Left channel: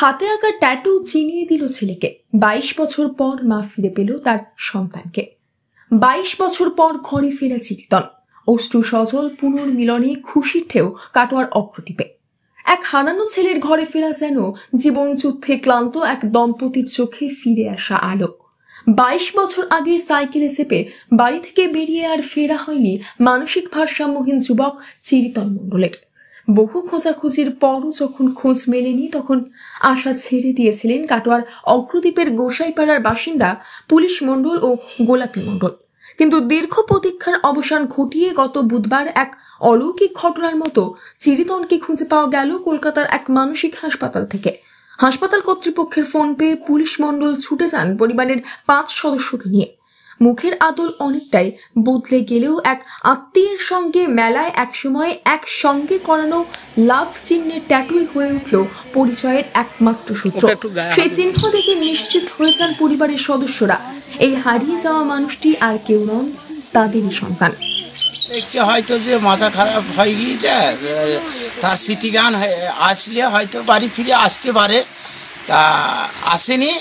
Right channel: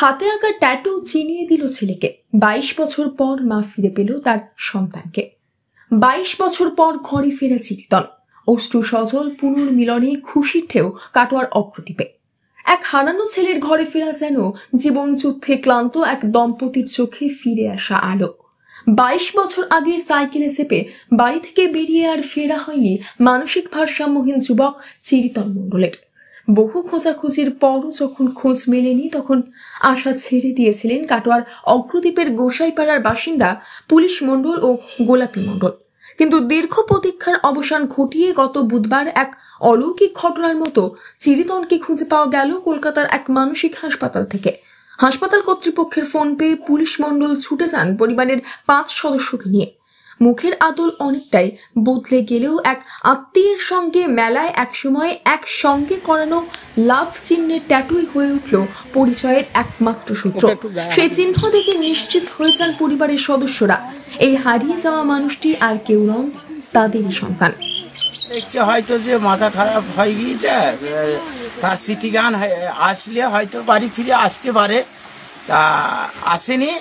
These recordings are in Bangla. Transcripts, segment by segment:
হাতে আঁকা ট্যাটু চিনিয়ে দিল ছেলেকে। 22 বছর পর মা ফিরে পেল তার সন্তানকে। 22 বছর পর ঘরে ফেরা চিরিতন। অশ্রু সজল পুনর্মিলনে খুশির ঢেউ কাটোয়ার অগ্রদ্বীপে। এক হারানো ছেলের ঘরে ফেরা যেন জীবন যুদ্ধে ক্লান্ত এক দম্পতির চোখে ফিরে আসা আলো। 22 বছর আগে সাইকেলে চেপে বাড়ি থেকে বেরিয়ে আর ফেরা হয়নি মানসিক ভারসাম্যহীন যুবক চিরিতন মণ্ডলের। বহু খোঁজাখুঁজির পরও যখন খোঁজ মেলেনি, তখন আশা ছেড়ে দিয়েছিলেন কাটোয়ার অগ্রদ্বীপের গোসাইপাড়ার বাসিন্দা পুলিশ মণ্ডল ও গোলাপী মণ্ডল। কিন্তু দীর্ঘ প্রতীক্ষার অবসান ঘটিয়ে গত বুধবার এক অলৌকিক ঘটনার মতো চিরিতনকে খুঁজে পাওয়া গেল কলকাতার এক মানসিক হাসপাতাল থেকে। হাসপাতাল কর্তৃপক্ষের ফোন পেয়ে পুলিশ মণ্ডল ছুটে যান পরিবারের 5 সদস্যকে নিয়ে। মুখের আদল অনেকটাই বদলে গেলেও এক আত্মীয়ের সঙ্গে মেলায় একসময় একসঙ্গে করানো লাভ চিহ্নের ট্যাটুই হয়ে উঠল পরিচয়ের একমাত্র সূত্র। সেই চিহ্ন দেখে নিশ্চিত হয়ে যান পরিবারের সদস্যরা, এই হারিয়ে যাওয়া মানুষটি আর কেউ নন, তাদেরই সন্তান। হয়তো যে মাথা খারাপ হয়ে গিয়েছে, তার স্মৃতিগান আসলে হয়তো বাড়ি ফিরে আসতে পারে, তা আসেনি।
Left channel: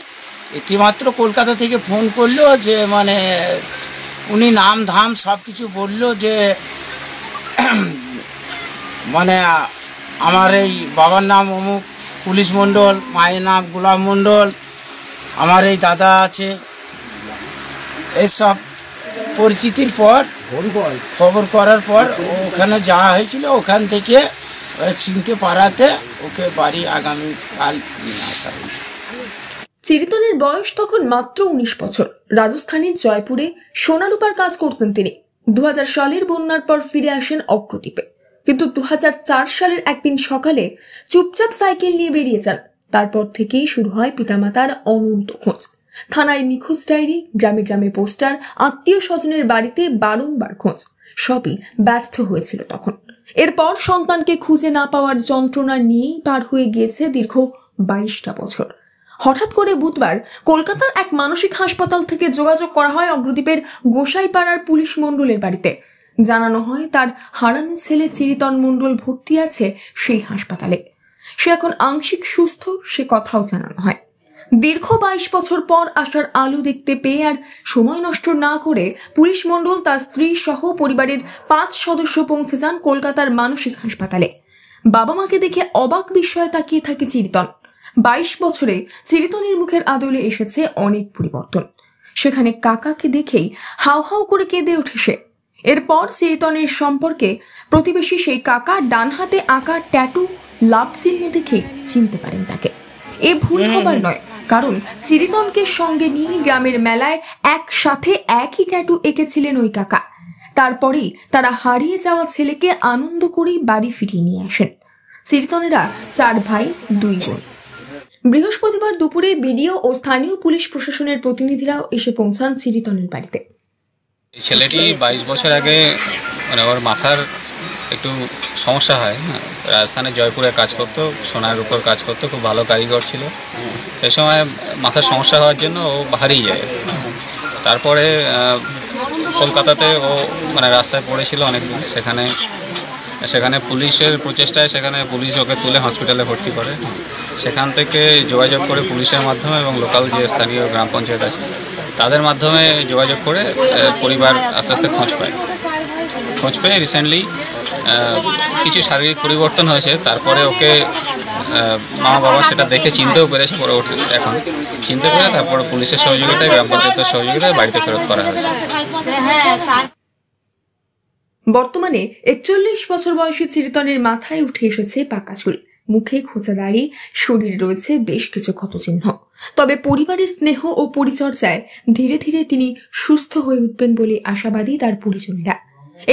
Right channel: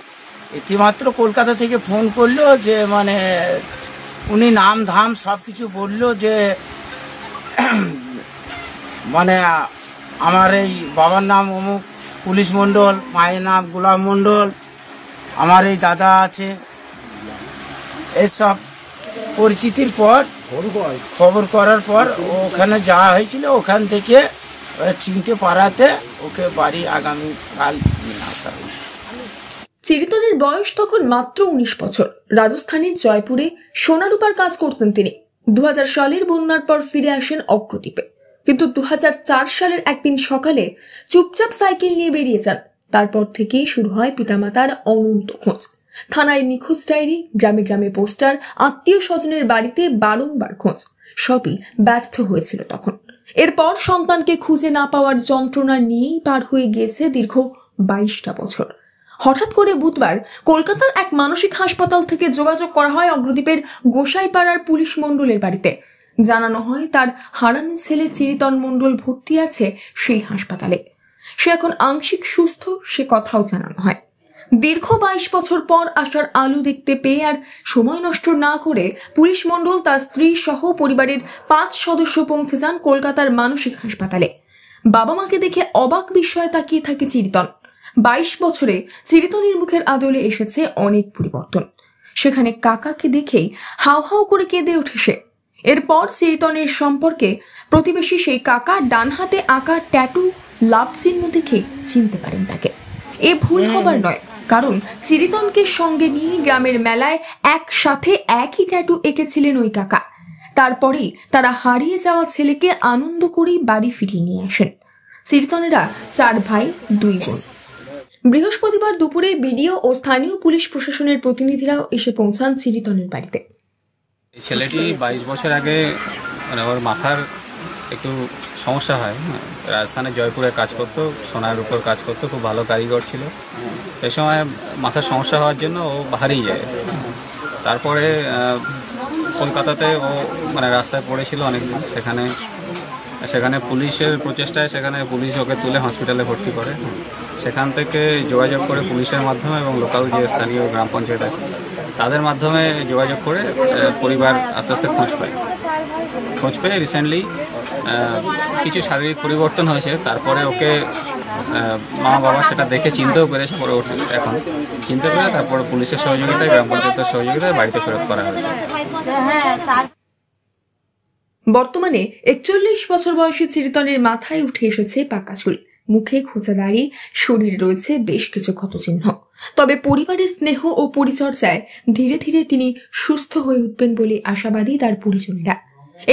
ইতিমাত্র কলকাতা থেকে ফোন করলো যে মানে উনি নাম ধাম সব কিছু বললো যে মানে আমার এই বাবার নাম অমুক পুলিশ মণ্ডল, মায়ের নাম গোলাপ মণ্ডল, আমার এই দাদা আছে, এসব পরিচিতির পর খবর করার পর ওখানে যাওয়া হয়েছিল। ওখান থেকে চিনতে পারাতে ওকে বাড়ি আগামীকাল নিয়ে আসা হয়েছে। চিরিতনের বয়স তখন মাত্র 19 বছর। রাজস্থানের জয়পুরে সোনারূপার কাজ করতেন তিনি। 2000 সালের বন্যার পর ফিরে আসেন অগ্রদ্বীপে, কিন্তু 2004 সালের একদিন সকালে চুপচাপ সাইকেল নিয়ে বেরিয়ে যান। তারপর থেকেই শুরু হয় পিতামাতার অনন্ত খোঁজ। থানায় নিখোঁজ ডায়েরি, গ্রামে গ্রামে পোস্টার, আত্মীয় স্বজনের বাড়িতে বারংবার খোঁজ, সবই ব্যর্থ হয়েছিল তখন। এরপর সন্তানকে খুঁজে না পাওয়ার যন্ত্রণা নিয়েই পার হয়ে গিয়েছে দীর্ঘ 22টা বছর। হঠাৎ করে বুধবার কলকাতার এক মানসিক হাসপাতাল থেকে যোগাযোগ করা হয় অগ্রদ্বীপের গোসাইপাড়ার পুলিশ মণ্ডলের বাড়িতে। জানানো হয় তার হারানো ছেলে চিরিতন মণ্ডল ভর্তি আছে সেই হাসপাতালে। সে এখন আংশিক সুস্থ, সে কথাও জানানো হয়। দীর্ঘ 22 বছর পর আসার আলো দেখতে পেয়ে আর সময় নষ্ট না করে পুলিশ মণ্ডল তার স্ত্রী সহ পরিবারের 5 সদস্য পৌঁছে যান কলকাতার মানসিক হাসপাতালে। বাবা মাকে দেখে অবাক বিস্ময়ে তাকিয়ে থাকে চিরিতন। 22 বছরে চিরিতনের মুখের আদলে এসেছে অনেক পরিবর্তন। সেখানে কাকাকে দেখেই হাউ হাউ করে কেঁদে ওঠে সে। এরপর চিরিতনের সম্পর্কে প্রতিবেশী সেই কাকা ডান হাতে আঁকা ট্যাটু লাভ চিহ্ন দেখেই চিনতে পারেন তাকে। এ ভুল হবার নয়, কারণ চিরিতনকে সঙ্গে নিয়ে গ্রামের মেলায় একসাথে একই ট্যাটু এঁকেছিলেন ওই কাকা। তারপরেই তারা হারিয়ে যাওয়া ছেলেকে আনন্দ করেই বাড়ি ফিরিয়ে নিয়ে আসেন। চিরিতনেরা 4 ভাই 2 বোন। বৃহস্পতিবার দুপুরে বিডিও ও স্থানীয় পুলিশ প্রশাসনের প্রতিনিধিরাও এসে পৌঁছান চিরিতনের বাড়িতে। ছেলেটি 22 বছর আগে মানে ওর মাথার একটু সমস্যা হয়। রাজস্থানে জয়পুরে কাজ করতো, সোনার উপর কাজ করতো, খুব ভালো কারিগর ছিল। সেই সময় মাথার সমস্যা হওয়ার জন্য ও হারিয়ে যায়। তারপরে কলকাতাতে ও মানে রাস্তায় পড়েছিল অনেকদিন। সেখানে পুলিশের প্রচেষ্টায় সেখানে পুলিশ ওকে তুলে হসপিটালে ভর্তি করে। সেখান থেকে যোগাযোগ করে পুলিশের মাধ্যমে এবং লোকাল যে স্থানীয় গ্রাম পঞ্চায়েত আছে তাদের মাধ্যমে যোগাযোগ করে পরিবার আস্তে আস্তে খোঁজ পেয়ে রিসেন্টলি কিছু শারীরিক পরিবর্তন হয়েছে। তারপরে ওকে মা বাবা সেটা দেখে চিনতেও পেরেছে, পরবর্তীতে এখন চিনতে পেরে তারপরে পুলিশের সহযোগিতায়, গ্রাম পঞ্চায়েতের সহযোগিতায় বাড়িতে ফেরত করা হয়েছে। বর্তমানে 41 বছর বয়সী চিরিতনের মাথায় উঠে এসেছে পাকা চুল, মুখে খোঁচা দাড়ি, শরীরে রয়েছে বেশ কিছু ক্ষতচিহ্ন। তবে পরিবারের স্নেহ ও পরিচর্যায় ধীরে ধীরে তিনি সুস্থ হয়ে উঠবেন বলে আশাবাদী তার পরিজনেরা।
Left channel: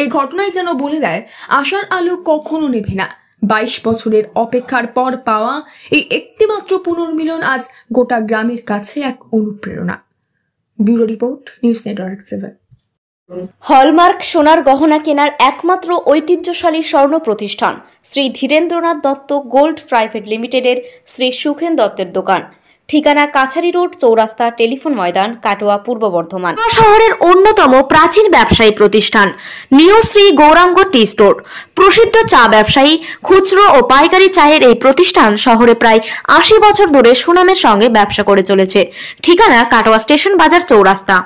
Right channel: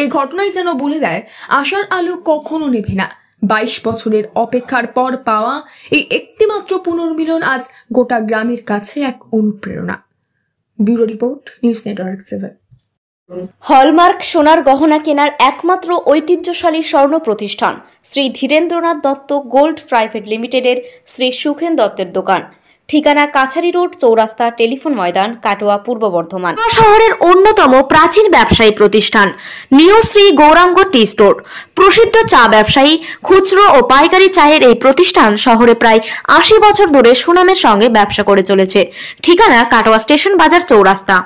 এই ঘটনায় যেন বলে দেয়, আশার আলো কখনো নেভে না। 22 বছরের অপেক্ষার পর পাওয়া এই একটিমাত্র পুনর্মিলন আজ গোটা গ্রামের কাছে এক অনুপ্রেরণা। Bureau report, news network 7। Hallmark সোনার গহনা কেনার একমাত্র ঐতিহ্যশালী স্বর্ণ প্রতিষ্ঠান শ্রী ধীরেন্দ্রনাথ দত্ত গোল্ড প্রাইভেট লিমিটেডের শ্রী সুখেন দত্তের দোকান। ঠিকানা কাছারি রোড, চৌরাস্তা, টেলিফোন ময়দান, কাটোয়া, পূর্ব বর্ধমান। শহরের অন্যতম প্রাচীন ব্যবসায়ী প্রতিষ্ঠান new Shri Gouranga tea store. প্রসিদ্ধ চা ব্যবসায়ী, খুচরো ও পাইকারি চায়ের এই প্রতিষ্ঠান শহরে প্রায় 80 বছর ধরে সুনামের সঙ্গে ব্যবসা করে চলেছে। ঠিকানা কাটোয়া স্টেশন বাজার, চৌরাস্তা।